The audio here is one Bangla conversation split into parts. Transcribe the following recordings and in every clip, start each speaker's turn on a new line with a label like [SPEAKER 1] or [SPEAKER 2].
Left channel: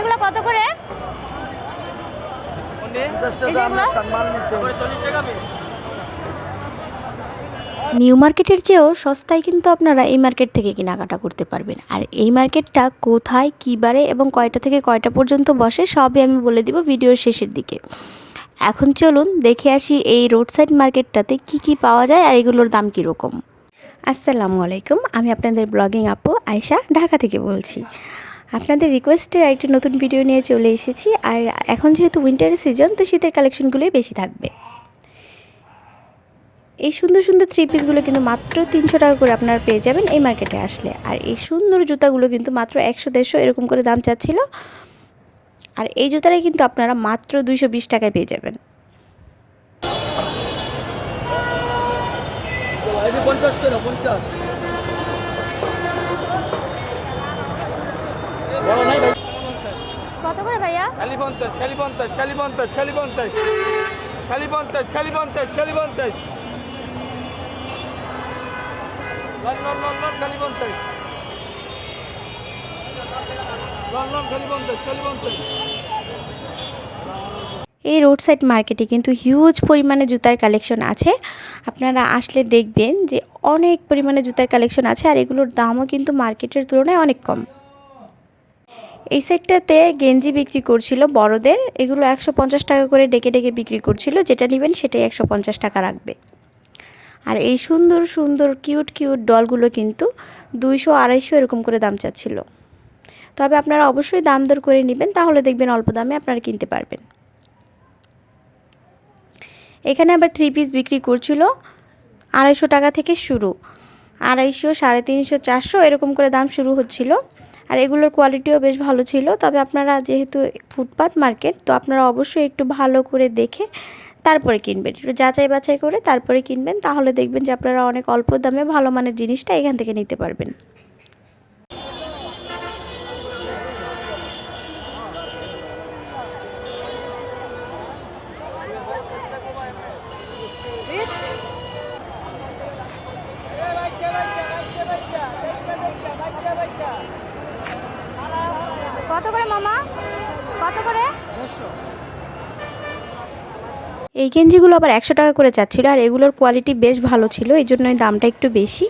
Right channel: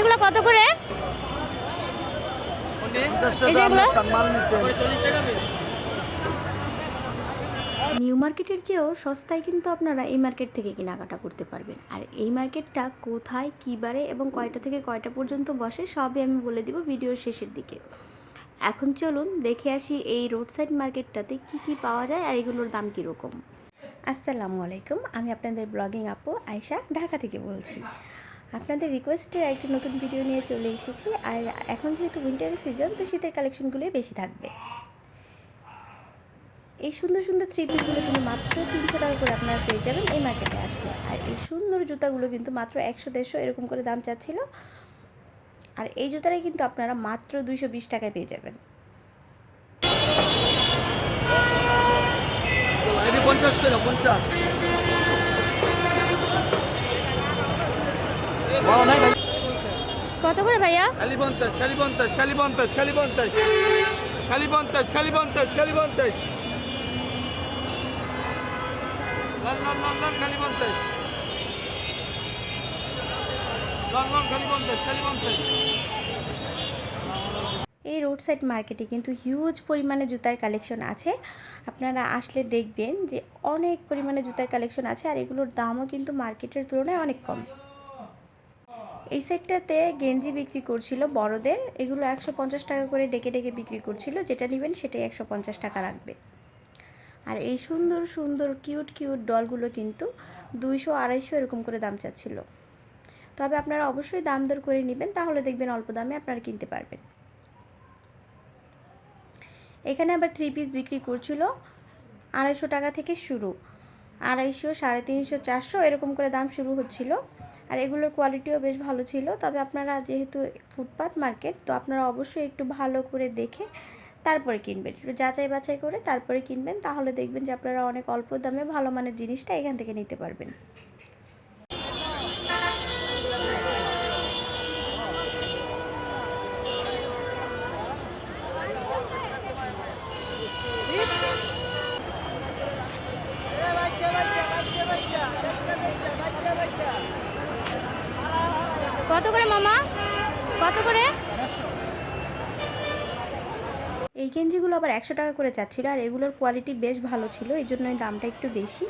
[SPEAKER 1] এগুলো কত করে?
[SPEAKER 2] নিউ মার্কেটের চেয়েও সস্তায় কিন্তু আপনারা এই মার্কেট থেকে কেনাকাটা করতে পারবেন। আর এই মার্কেটটা কোথায়, কী বারে এবং কয়টা থেকে কয়টা পর্যন্ত বসে সবই আমি বলে দিব ভিডিওর শেষের দিকে। এখন চলুন দেখে আসি এই রোড সাইড মার্কেটটাতে কি কি পাওয়া যায় আর এগুলোর দাম কীরকম। আসসালামু আলাইকুম, আমি আপনাদের ব্লগিং আপু আয়শা, ঢাকা থেকে বলছি। আপনাদের রিকোয়েস্টের একটি নতুন ভিডিও নিয়ে চলে এসেছি। আর এখন যেহেতু উইন্টারের সিজন তো শীতের কালেকশনগুলোই বেশি থাকবে। এই সুন্দর সুন্দর থ্রি পিসগুলো কিন্তু মাত্র তিনশো টাকা করে আপনারা পেয়ে যাবেন এই মার্কেটে আসলে। আর এই সুন্দর জুতাগুলো কিন্তু মাত্র একশো, দেড়শো এরকম করে দাম চাচ্ছিল। আর এই জুতাটাই কিন্তু আপনারা মাত্র দুইশো বিশ টাকায় পেয়ে যাবেন।
[SPEAKER 3] পঞ্চাশ।
[SPEAKER 1] কত করে ভাইয়া?
[SPEAKER 4] খালি পঞ্চাশ খালি পঞ্চাশ খালি পঞ্চাশ খালি পঞ্চাশ। খালি পঞ্চাশ খালি পঞ্চাশ খালি পঞ্চাশ। খালি
[SPEAKER 2] এই রোড সাইড মার্কেটে কিন্তু হিউজ পরিমাণে জুতার কালেকশন আছে। আপনারা আসলে দেখবেন যে অনেক পরিমাণে জুতার কালেকশন আছে আর এগুলোর দামও কিন্তু মার্কেটের তুলনায় অনেক কম। এই সাইডটাতে গেঞ্জি বিক্রি করছিল বড়দের। এগুলো একশো পঞ্চাশ টাকা করে ডেকে ডেকে বিক্রি করছিল। যেটা নেবেন সেটাই একশো পঞ্চাশ টাকা রাখবে। আর এই সুন্দর সুন্দর, কিউট কিউট ডলগুলো কিন্তু দুইশো, আড়াইশো এরকম করে দাম চাচ্ছিল। তবে আপনারা অবশ্যই দাম দর করে নেবেন, তাহলে দেখবেন অল্প দামে আপনারা কিনতে পারবেন। এখানে আবার থ্রি পিস বিক্রি করছিল আড়াইশো টাকা থেকে শুরু। আড়াইশো, সাড়ে তিনশো, চারশো এরকম করে দাম শুরু হচ্ছিল। আর এগুলোর কোয়ালিটিও বেশ ভালো ছিল। তবে আপনারা যেহেতু ফুটপাথ মার্কেট, তো আপনারা অবশ্যই একটু ভালো করে দেখে তারপরে কিনবেন। একটু যাচাই বাছাই করে তারপরে কিনবেন, তাহলে দেখবেন যে আপনারা অনেক অল্প দামে ভালো মানের জিনিসটা এখান থেকে নিতে পারবেন। গেঞ্জিগুলো আবার একশো টাকা করে চাচ্ছিল আর এগুলোর কোয়ালিটি বেশ ভালো ছিল, এই জন্যই দামটা একটু বেশি।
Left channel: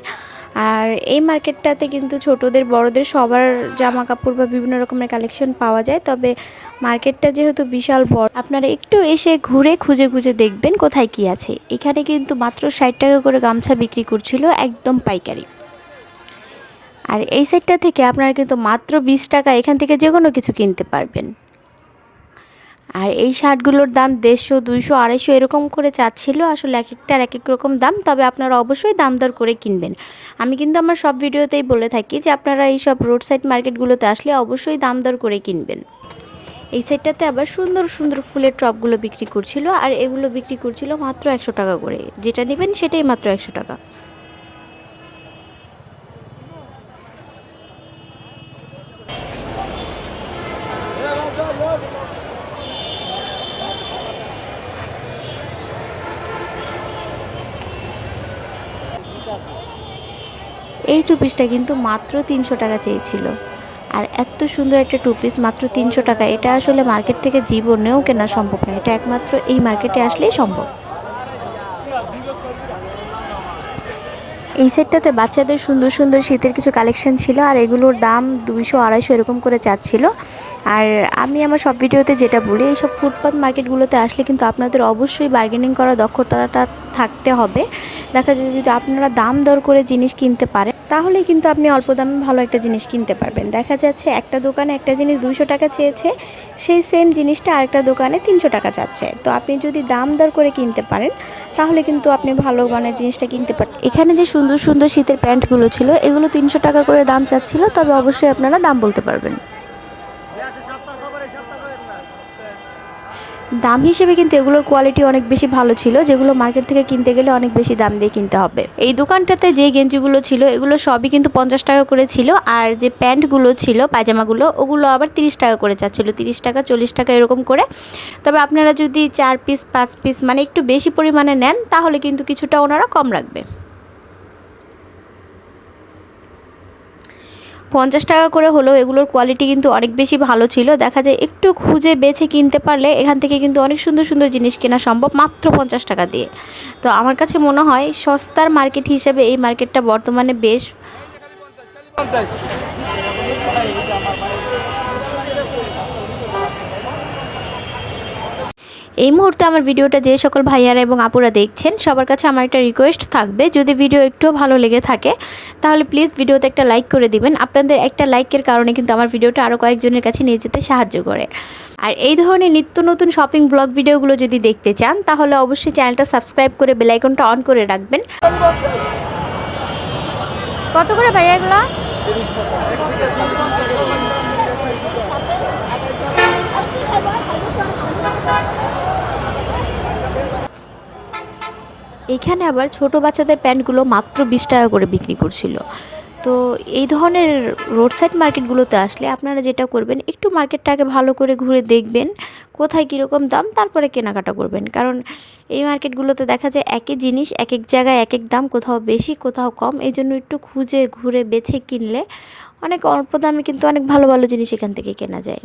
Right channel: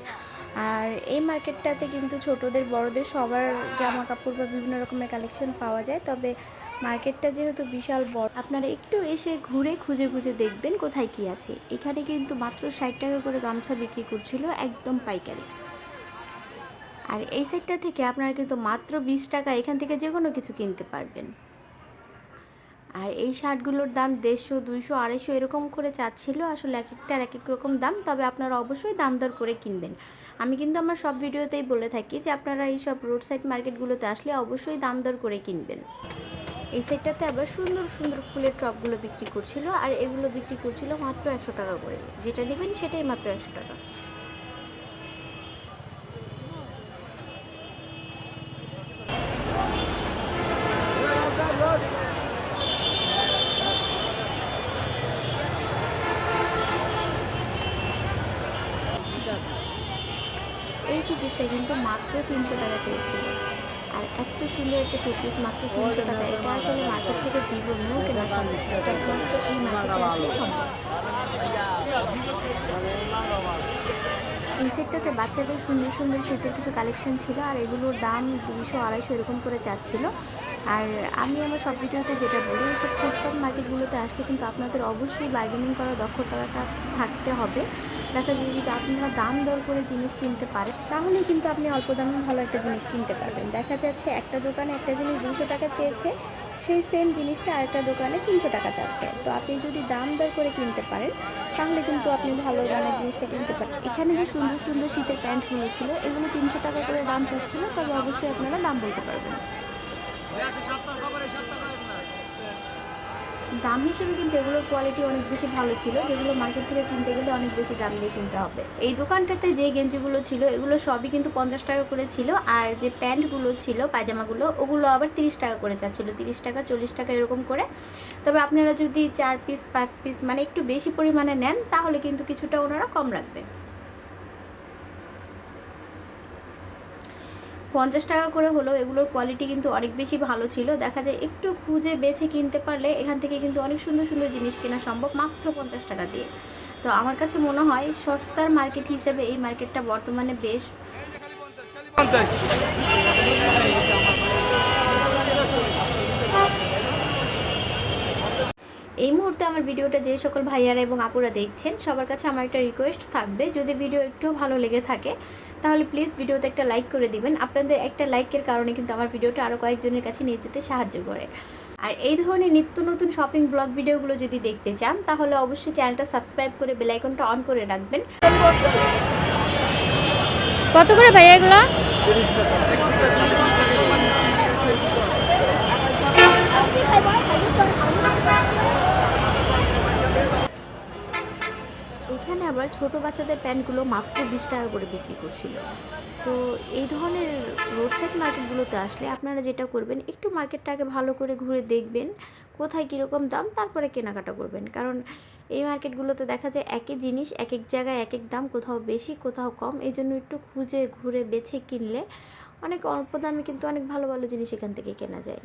[SPEAKER 2] আর এই মার্কেটটাতে কিন্তু ছোটদের, বড়দের সবার জামা কাপড় বা বিভিন্ন রকমের কালেকশন পাওয়া যায়, তবে মার্কেটটা যেহেতু বিশাল বড়, আপনারা একটু এসে ঘুরে খুঁজে খুঁজে দেখবেন কোথায় কি আছে। এখানে কিন্তু মাত্র ষাট টাকা করে গামছা বিক্রি করছিল একদম পাইকারি। আর এই সাইডটা থেকে আপনারা কিন্তু মাত্র বিশ টাকা এখান থেকে যে কোনো কিছু কিনতে পারবেন। আর এই শার্টগুলোর দাম দেড়শো, দুইশো, আড়াইশো এরকম করে চাচ্ছিল। আসলে এক একটার এক এক রকম দাম, তবে আপনারা অবশ্যই দাম দর করে কিনবেন। আমি কিন্তু আমার সব ভিডিওতেই বলে থাকি যে আপনারা এই সব রোড সাইড মার্কেটগুলোতে আসলে অবশ্যই দাম দর করে কিনবেন। এই সাইডটাতে আবার সুন্দর সুন্দর ফুলের টপগুলো বিক্রি করছিল, আর এগুলো বিক্রি করছিল মাত্র একশো টাকা করে। যেটা নেবেন সেটাই মাত্র একশো টাকা এই টু পিসটা কিন্তু মাত্র তিনশো টাকা চেয়েছিল। আর এত সুন্দর একটা টু পিস মাত্র তিনশো টাকা। এটা আসলে মার্কেট থেকে জীবনেও কেনা সম্ভব নয় এটা একমাত্র এই মার্কেটে আসলেই সম্ভব। এই সেটটাতে বাচ্চাদের সুন্দর সুন্দর শীতের কিছু কালেকশন ছিল, আর এগুলোর দাম দুইশো আড়াইশো এরকম করে চাচ্ছিল। আর আমি আমার সব ভিডিওতে যেটা বলি, এইসব ফুটপাথ মার্কেটগুলোতে আসলে কিন্তু আপনাদের অবশ্যই বার্গেনিং করার দক্ষতাটা থাকতে হবে। দেখা যায় যদি আপনারা দাম দর করে জিনিস কিনতে পারেন, তাহলেই কিন্তু আপনি অল্প দামে ভালো একটা জিনিস কিনতে পারবেন। দেখা যাচ্ছে একটা দোকানে একটা জিনিস দুশো টাকা চেয়েছে, সেই সেম জিনিসটা আরেকটা দোকানে তিনশো টাকা চাচ্ছে তো আপনি যদি দাম দর করে কিনতে পারেন, তাহলে কিন্তু আপনি ভালো মানের জিনিসটা কিনতে পারেন এখানে যে সুন্দর সুন্দর শীতের প্যান্টগুলো ছিল, এগুলো তিনশো টাকা করে দাম চাচ্ছিল, তবে অবশ্যই আপনারা দাম বলতে পারবেন। দাম হিসেবে কিন্তু এগুলোর কোয়ালিটি অনেক বেশি ভালো ছিল, যেগুলো মার্কেট থেকে কিনতে গেলে অনেক বেশি দাম দিয়ে কিনতে হবে। এই দোকানটাতে যে গেঞ্জিগুলো ছিল, এগুলো সবই কিন্তু পঞ্চাশ টাকা করে ছিল, আর যে প্যান্টগুলো ছিল, পায়জামাগুলো, ওগুলো আবার তিরিশ টাকা করে চাচ্ছিল তিরিশ টাকা, চল্লিশ টাকা এরকম করে। তবে আপনারা যদি চার পিস পাঁচ পিস মানে একটু বেশি পরিমাণে নেন, তাহলে কিন্তু কিছুটা ওনারা কম রাখবে। পঞ্চাশ টাকা করে হলেও এগুলোর কোয়ালিটি কিন্তু অনেক বেশি ভালো ছিল। দেখা যায় একটু খুঁজে বেছে কিনতে পারলে এখান থেকে কিন্তু অনেক সুন্দর সুন্দর জিনিস কেনা সম্ভব মাত্র পঞ্চাশ টাকা দিয়ে। তো আমার কাছে মনে হয় সস্তার মার্কেট হিসেবে এই মার্কেটটা বর্তমানে বেশ এই মুহূর্তে আমার ভিডিওটা যে সকল ভাইয়ারা এবং আপুরা দেখছেন, সবার কাছে আমার একটা রিকোয়েস্ট থাকবে। যদি ভিডিও একটু ভালো লেগে থাকে, তাহলে প্লিজ ভিডিওতে একটা লাইক করে দিবেন। আপনাদের একটা লাইকের কারণে কিন্তু আমার ভিডিওটা আরও কয়েকজনের কাছে নিয়ে যেতে সাহায্য করে। আর এই ধরনের নিত্য নতুন শপিং ব্লগ ভিডিওগুলো যদি দেখতে চান, তাহলে অবশ্যই চ্যানেলটা সাবস্ক্রাইব করে বেলাইকনটা অন করে রাখবেন।
[SPEAKER 1] কত করে ভাইয়া এগুলো?
[SPEAKER 2] এখানে আবার ছোট বাচ্চাদের প্যান্টগুলো মাত্র বিশ টাকা করে বিক্রি করছিল। তো এই ধরনের রোড সাইড মার্কেটগুলোতে আসলে আপনারা যেটা করবেন, একটু মার্কেটটাকে ভালো করে ঘুরে দেখবেন, কোথায় কীরকম দাম, তারপরে কেনাকাটা করবেন। কারণ এই মার্কেটগুলোতে দেখা যায় একই জিনিস এক এক জায়গায় এক এক দাম, কোথাও বেশি, কোথাও কম এই জন্য একটু খুঁজে ঘুরে বেছে কিনলে অনেক অল্প দামে কিন্তু অনেক ভালো ভালো জিনিস এখান থেকে কেনা যায়।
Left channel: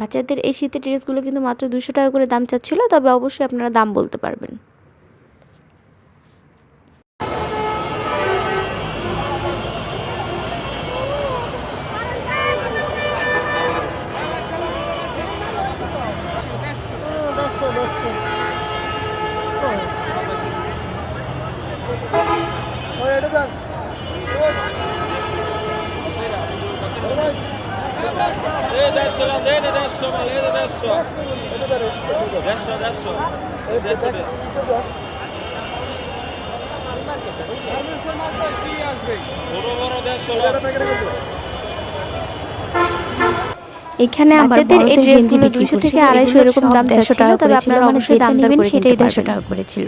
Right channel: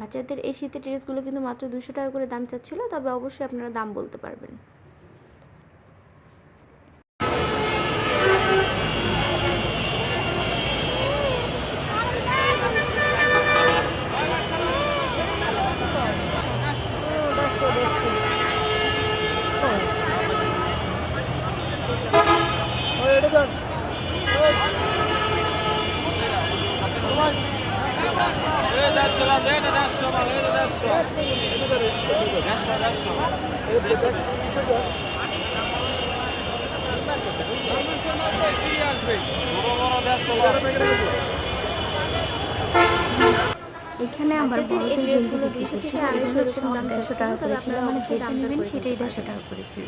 [SPEAKER 2] বাচ্চাদের এই শীতের ড্রেসগুলো কিন্তু মাত্র দুশো টাকা করে দাম চাচ্ছিলো, তবে অবশ্যই আপনারা দাম বলতে পারবেন। এখানে আমাদের এই ড্রেসগুলো দুইশো থেকে আড়াইশো এরকম দাম দেড়শো টাকা তবে আপনারা অবশ্যই দাম নেবেন সেটাই দেড়শো টাকা করেছিল।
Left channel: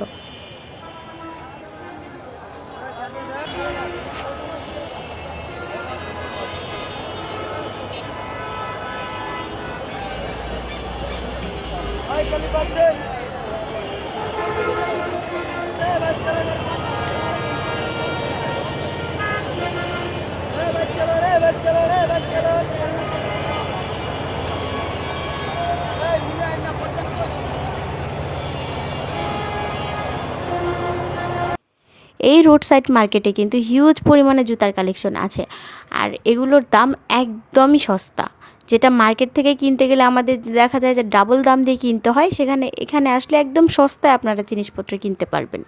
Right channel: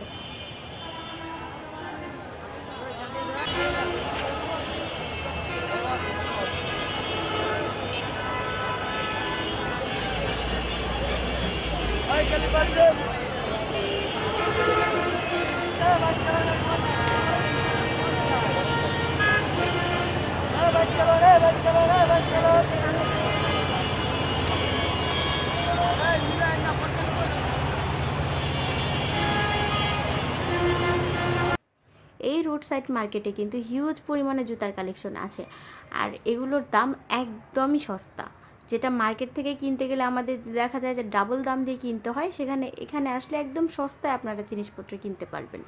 [SPEAKER 2] এই রোড সাইড মার্কেটে কিন্তু হিউজ পরিমাণে জুতার কালেকশন আছে। আর এগুলোর দাম একদমই সস্তা। যেটা মার্কেট থেকে কিনতে গেলে আমাদের দেখা যায় যে ডাবল দাম দিয়ে কিনতে হয়, সেখানে, এখানে আসলে একদম সস্তায় আপনারা জিনিসপত্র কিনতে পারবেন।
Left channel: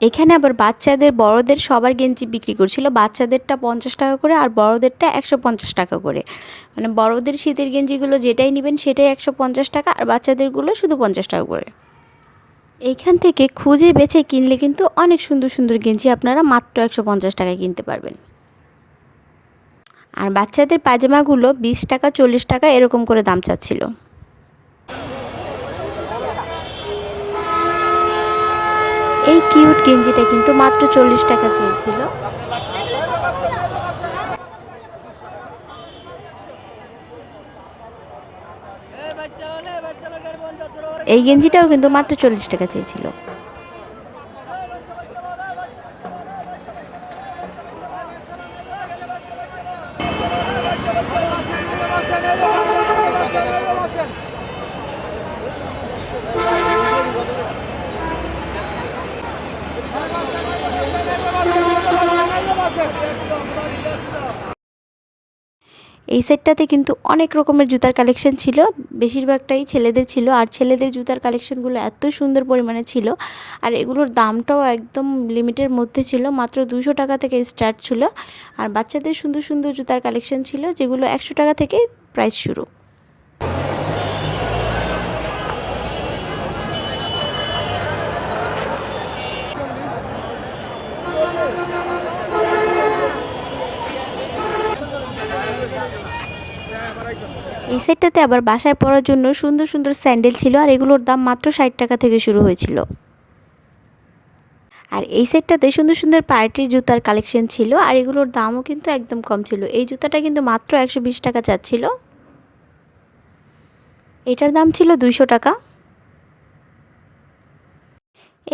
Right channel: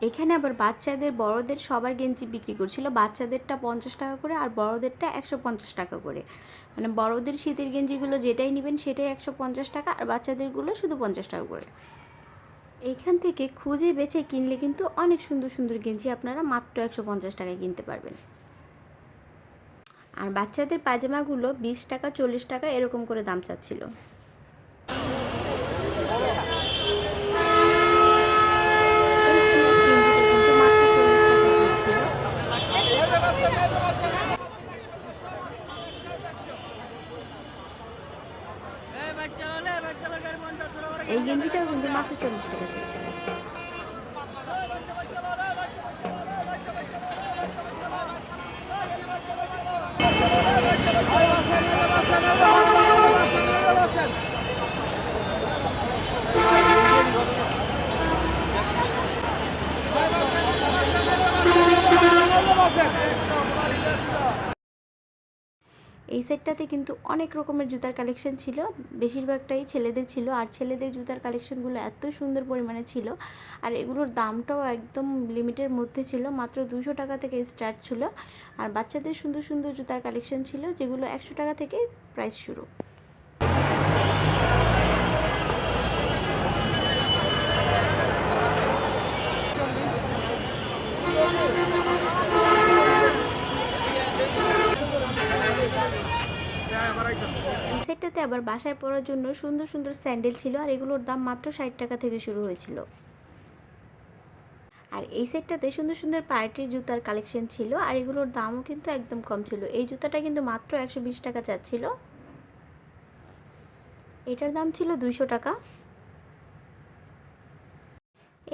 [SPEAKER 2] এখানে আবার বাচ্চাদের, বড়দের সবার গেঞ্জি বিক্রি করছিল। বাচ্চাদেরটা পঞ্চাশ টাকা করে আর বড়দেরটা একশো পঞ্চাশ টাকা করে। মানে বড়দের শীতের গেঞ্জিগুলো যেটাই নেবেন সেটাই একশো পঞ্চাশ টাকা আর বাচ্চাদেরগুলো শুধু পঞ্চাশ টাকা করে। এইখান থেকে খুঁজে বেছে কিনলে কিন্তু অনেক সুন্দর সুন্দর গেঞ্জি আপনারা মাত্র একশো পঞ্চাশ টাকায় কিনতে পারবেন। আর বাচ্চাদের পাজামাগুলো বিশ টাকা, চল্লিশ টাকা এরকম করে দাম চাচ্ছিল। এই কিউট গেঞ্জিটা কিন্তু মাত্র চল্লিশ টাকা চেয়েছিল। এই গেঞ্জিটাও কিন্তু মাত্র চল্লিশ টাকা চেয়েছিল। এই সেটটাতে কিন্তু অনেক রকমের জুতার কালেকশন ছিল। বেশিরভাগটাই ছেলেদের ছিল আর ছেলেদের জুতার কালেকশনগুলো এত সুন্দর পরিমাণে ছিল আর এগুলোর দামটাও একদম লিমিটের মধ্যে ছিল। মাত্র দুশো টাকা থেকে স্টার্ট ছিল আর বাচ্চাদের সুন্দর সুন্দর জুতার কালেকশন ছিল যেগুলো একশো টাকা থেকে প্রাইস শুরু। এই সেটটাতে আবার বাসায় পরার জন্য সুন্দর সুন্দর স্যান্ডেল ছিল আর এগুলোর দাম মাত্র ষাট টাকা থেকে শুরু হয়েছিল। আর এই সেটটাতে সুন্দর সুন্দর পার্টির জুতার কালেকশন ছিল আর এগুলোর দামও কিন্তু একদম কম ছিল। এই জুতাটা কিন্তু মাত্র একশো বিশ টাকা চাচ্ছিল। এটার দাম ছিল দুইশো টাকা।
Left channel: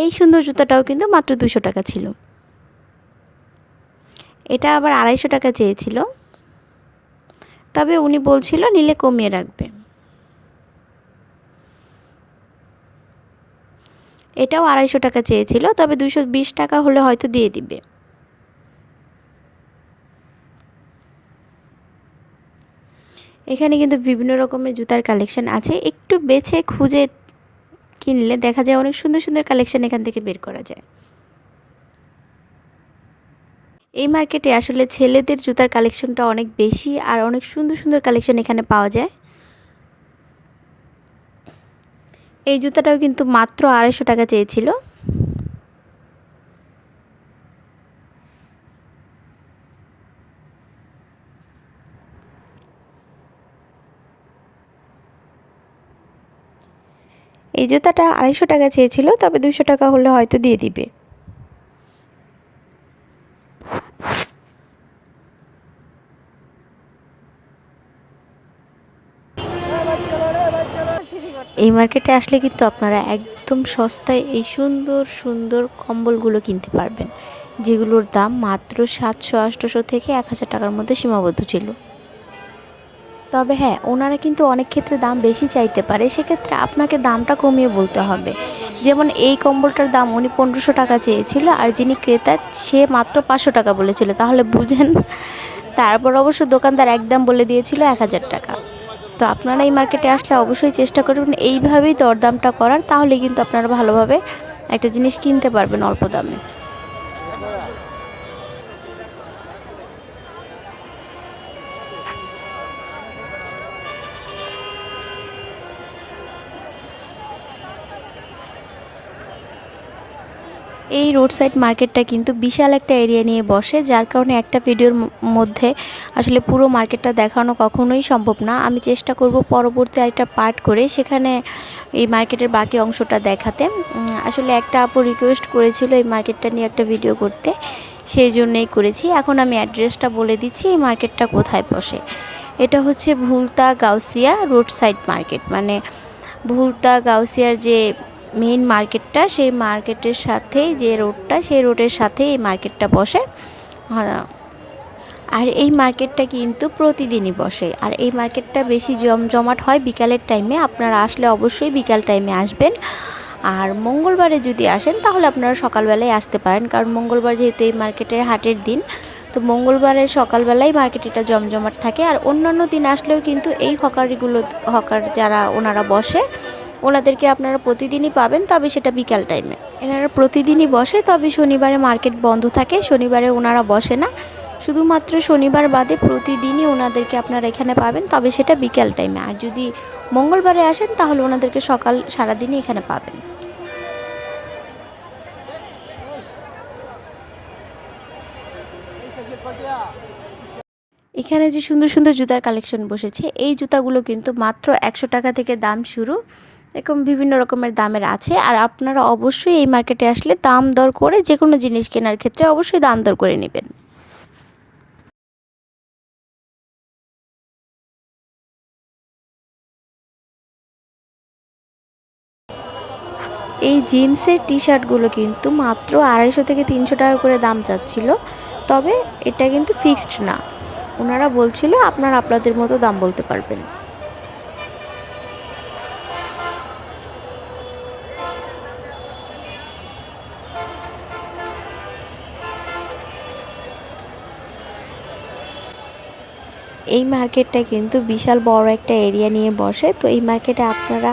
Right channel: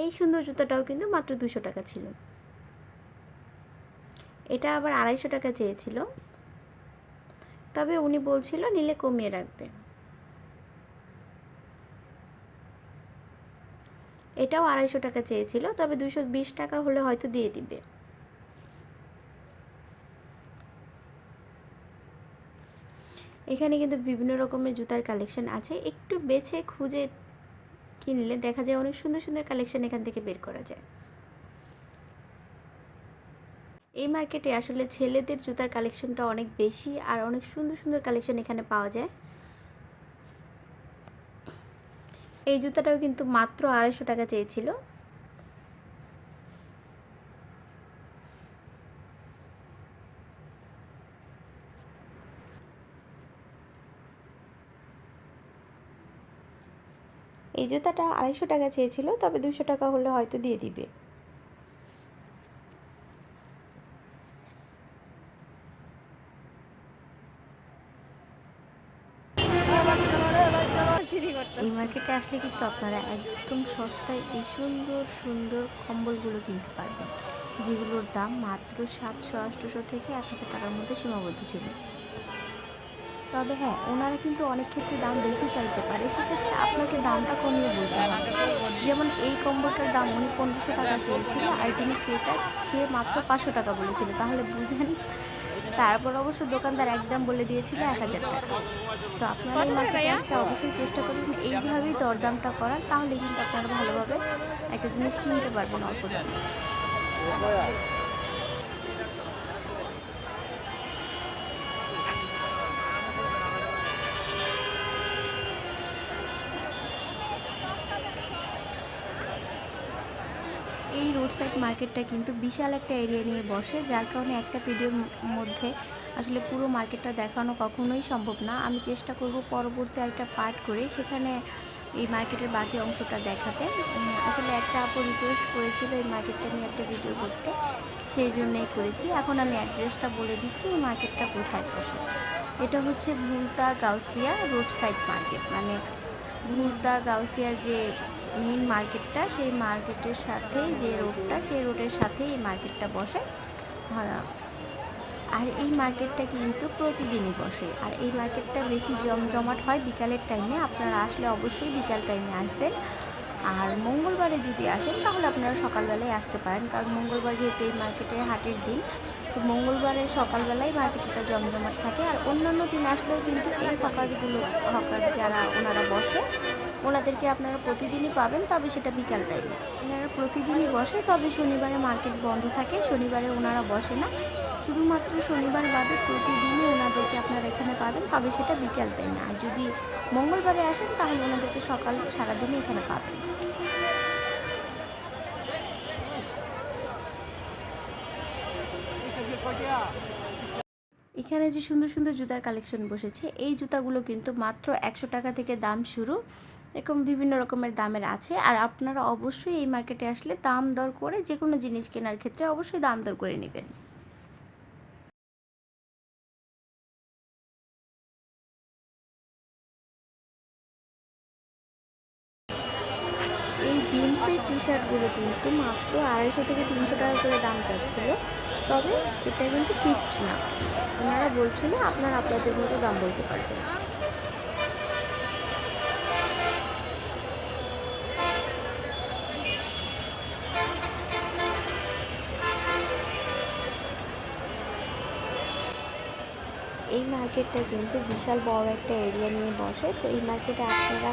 [SPEAKER 2] এই সুন্দর জুতাটাও কিন্তু মাত্র দুশো টাকা ছিল। এটা আবার আড়াইশো টাকা চেয়েছিল। তবে উনি বলছিল, নিলে কমিয়ে রাখবে। এটাও আড়াইশো টাকা চেয়েছিল, তবে দুশো বিশ টাকা হলে হয়তো দিয়ে দিবে। এখানে কিন্তু বিভিন্ন রকমের জুতার কালেকশন আছে। একটু বেছে খুঁজে কিনলে দেখা যায় অনেক সুন্দর সুন্দর কালেকশন এখান থেকে বের করা যায়। এই মার্কেটে আসলে ছেলেদের জুতার কালেকশনটা অনেক বেশি আর অনেক সুন্দর সুন্দর কালেকশন এখানে পাওয়া যায়। এই জুতাটাও কিন্তু মাত্র আড়াইশো টাকা চেয়েছিল। এই জুতাটা আড়াইশো টাকা চেয়েছিল, তবে দুশো টাকা হলে হয়তো দিয়ে দিবে। মার্কেটে আসলে কিন্তু আপনারা একদম সস্তায় এই সুন্দর সুন্দর কম্বলগুলো কিনতে পারবেন, যেগুলোর দাম মাত্র সাতশো আটশোশো থেকে এক হাজার টাকার মধ্যে সীমাবদ্ধ ছিল। তবে হ্যাঁ ওনারা কিন্তু অনেক ক্ষেত্রে দাম বেশি চাইতে পারে, সেক্ষেত্রে আপনাকে দামটা কমিয়ে বলতে হবে। যেমন এই কম্বলটার দাম উনি পনেরোশো টাকা চেয়েছিল আর যিনি ক্রেতা সে মাত্র পাঁচশো টাকা বলেছিল, তাহলে বুঝেন। তারপর অবশ্য দোকানদার একদম বলে দিয়েছিল এক হাজার টাকা। তো আপনারা এই মার্কেটে আসলে অবশ্যই চেষ্টা করবেন এইভাবেই দরদামটা করার, তাহলে কিন্তু আপনারা ভালোভাবে একটা জিনিস কিনতে পারবেন অল্প দামে। এই রোড সাইড মার্কেটটা কিন্তু বিশাল একটা এরিয়া নিয়ে বসে, যার কারণে একটা ভিডিওর মধ্যে আসলে পুরো মার্কেটটা দেখানো কখনোই সম্ভব না। আমি চেষ্টা করব পরবর্তী আরেকটা পার্ট করে সেখানে এই মার্কেটের বাকি অংশটা দেখাতে। আসলে একটা আপু রিকোয়েস্ট করেছিল এই মার্কেটটা নিয়ে একটা ভিডিও করতে, সেই জন্যই করেছি। এখন আমি অ্যাড্রেসটা বলে দিচ্ছি, এই মার্কেটটা কোথায় বসে। এটা হচ্ছে Bhulta Gausia road side market মানে ভুলতা গাউসিয়ার যে মেইন মার্কেটটা সেই মার্কেটের সাথেই যে রোডটা সেই রোডের সাথে এই মার্কেটটা বসে। আহ, আর এই মার্কেটটা কিন্তু প্রতিদিনই বসে। আর এই মার্কেটটা বেশি জমজমাট হয় বিকালের টাইমে আপনারা আসলে অবশ্যই বিকাল টাইমে আসবেন। আর মঙ্গলবারে যদি আসেন তাহলে আপনারা সকালবেলায় আসতে পারেন। কারণ মঙ্গলবার যেহেতু এই মার্কেটের হাটের দিন তো মঙ্গলবারে সকালবেলায় মার্কেটটা জমজমাট থাকে। আর অন্যান্য দিন আসলেও কিন্তু এই হকারিগুলো হকার যারা ওনারা বসে। ওনাদেরকে আপনারা প্রতিদিনই পাবেন তবে সেটা বিকাল টাইমে। এনারা প্রতিদিনই বসে, তবে শনিবারে মার্কেট বন্ধ থাকে, শনিবারে ওনারা বসে না। শুধুমাত্র শনিবার বাদে প্রতিদিনই ওনাদেরকে আপনারা এখানে পাবেন, তবে সেটা বিকাল টাইমে। আর যদি মঙ্গলবারে আসেন, তাহলে ওনাদেরকে সকাল সারাদিনই এখানে পাবেন। এখানে যে সুন্দর সুন্দর জুতার কালেকশন বসেছে, এই জুতাগুলো কিন্তু মাত্র একশো টাকা থেকে দাম শুরু। এরকম বিভিন্ন রকমের দামের আছে। আর আপনারা অবশ্যই এই মার্কেটে আসলে দাম দর করে যে কোনো জিনিস কেনার ক্ষেত্রে অবশ্যই দাম দর করে নেবেন। এই জিন্সের টি শার্টগুলো কিন্তু মাত্র আড়াইশো থেকে তিনশো টাকা করে দাম চাচ্ছিল। তবে এটা কিন্তু ফিক্সড না। ওনারা বলছিল আপনারা আপনাদের মতো দাম বলতে পারবেন। এই মার্কেটটা কিন্তু বিশাল বড় একটা এরিয়া নিয়ে বসে। তো এই মার্কেটে আপনারা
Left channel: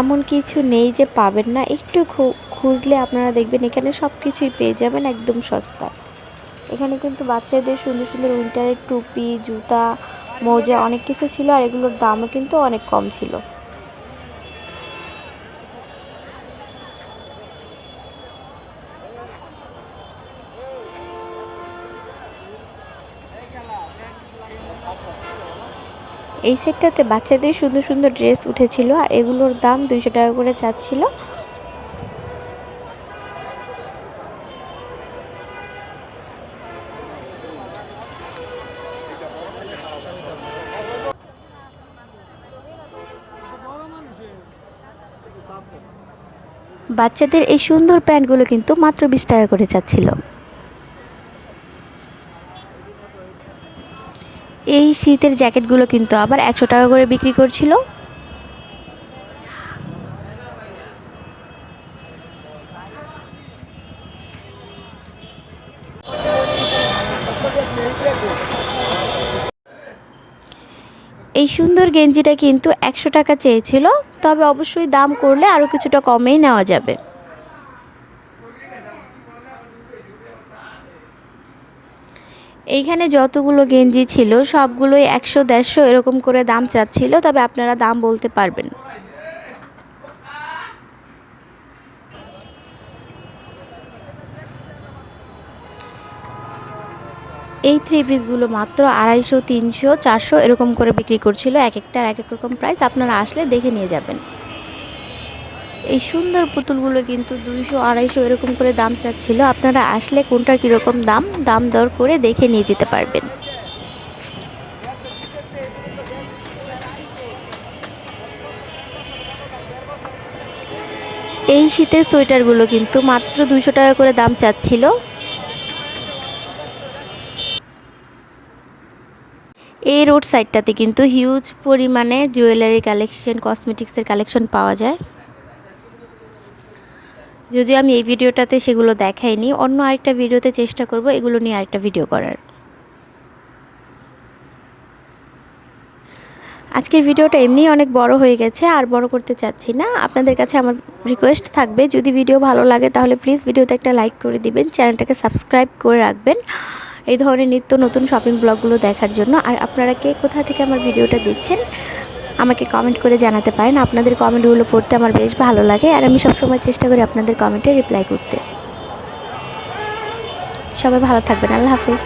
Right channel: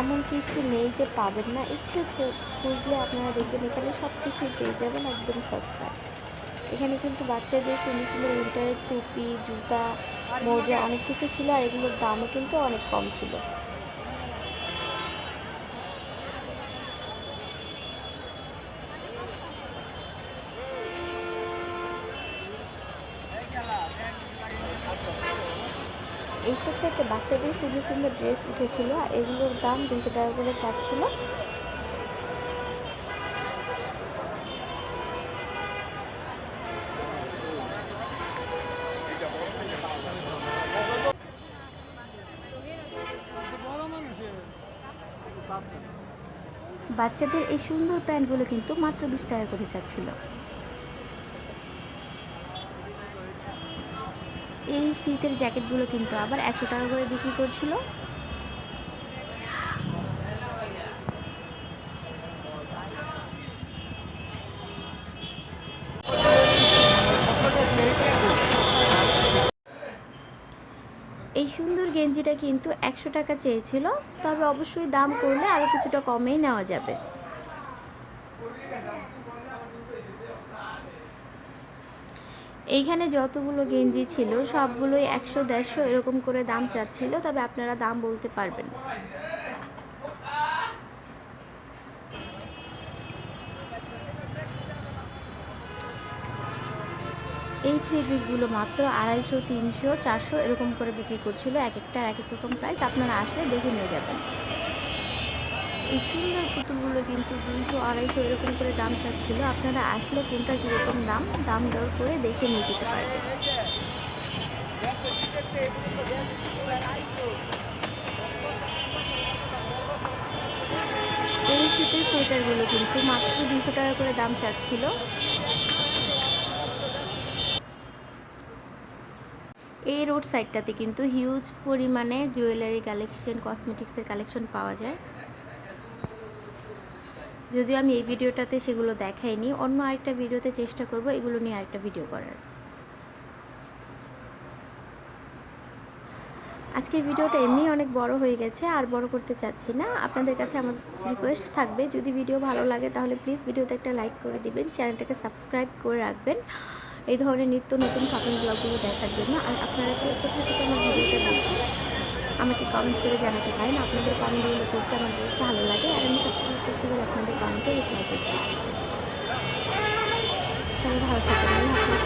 [SPEAKER 2] এমন কিছু নেই যে পাবেন না। একটু খুঁজলে আপনারা দেখবেন এখানে সব কিছুই পেয়ে যাবেন একদম সস্তা এখানে কিন্তু বাচ্চাদের সুন্দর সুন্দর উইন্টারের টুপি, জুতা, মোজা অনেক কিছু ছিল আর এগুলোর দামও কিন্তু অনেক কম ছিল। এই সেটটাতে বাচ্চাদের সুন্দর সুন্দর ড্রেস উঠেছিল আর এগুলোর দাম দুইশো টাকা করে চাচ্ছিল বাচ্চাদের এই সুন্দর প্যান্টগুলো কিন্তু মাত্র বিশ টাকা করে চাচ্ছিল এই শীতের জ্যাকেটগুলো কিন্তু আবার একশো টাকা করে বিক্রি করছিল। এই সুন্দর গেঞ্জিটা কিন্তু একশো টাকা চেয়েছিল, তবে অবশ্যই দাম করলে আরও কিছুটা কমেই নেওয়া যাবে। এইখানে যতগুলো গেঞ্জি ছিল, সবগুলোই একশো দেড়শো এরকম করে দাম চাচ্ছিল, তবে আপনারা দাম বলতে পারবেন। এই থ্রি পিসগুলো মাত্র আড়াইশো, তিনশো, চারশো এরকম করে বিক্রি করছিল, এক একটার এক এক রকম প্রাইস আপনারা আসলে দেখে নিয়ে যাবেন। এই সুন্দর পুতুলগুলো কিন্তু দুইশো, আড়াইশো এরকম করে দাম চাচ্ছিল। আপনারা আসলে কোনটার কীরকম দাম দাম দর করে দেখে নিয়ে যেতে পারবেন। এই শীতের সোয়েটারগুলো কিন্তু মাত্র দুশো টাকা করে দাম চাচ্ছিল। এই রোড সাইডটাতে কিন্তু হিউজ পরিমাণে জুয়েলারি কালেকশন, কসমেটিক্সের কালেকশন পাওয়া যায়। যদিও আমি এই ভিডিওটাতে সেগুলো দেখাইনি, অন্য আরেকটা ভিডিওতে চেষ্টা করব এগুলো নিয়ে আরেকটা ভিডিও করার। আজকের ভিডিওটা এমনিই অনেক বড় হয়ে গেছে, আর বড় করতে চাচ্ছি না। আপনাদের কাছে আমার রিকোয়েস্ট থাকবে, যদি ভিডিও ভালো লাগে তাহলে প্লিজ ভিডিওতে একটা লাইক করে দিবেন, চ্যানেলটাকে সাবস্ক্রাইব করে রাখবেন। এই ধরনের নিত্য নতুন শপিং ব্লগগুলো দেখার জন্য। আর আপনারা কে কোথা থেকে আমার ভিডিওটা দেখছেন আমাকে কমেন্ট করে জানাতে পারেন। আপনাদের কমেন্টগুলো পড়তে আমার বেশ ভালো লাগে আর আমি সবসময় চেষ্টা করি আপনাদের কমেন্টে রিপ্লাই করতে। সবাই ভালো থাকবেন। আল্লাহ হাফিজ।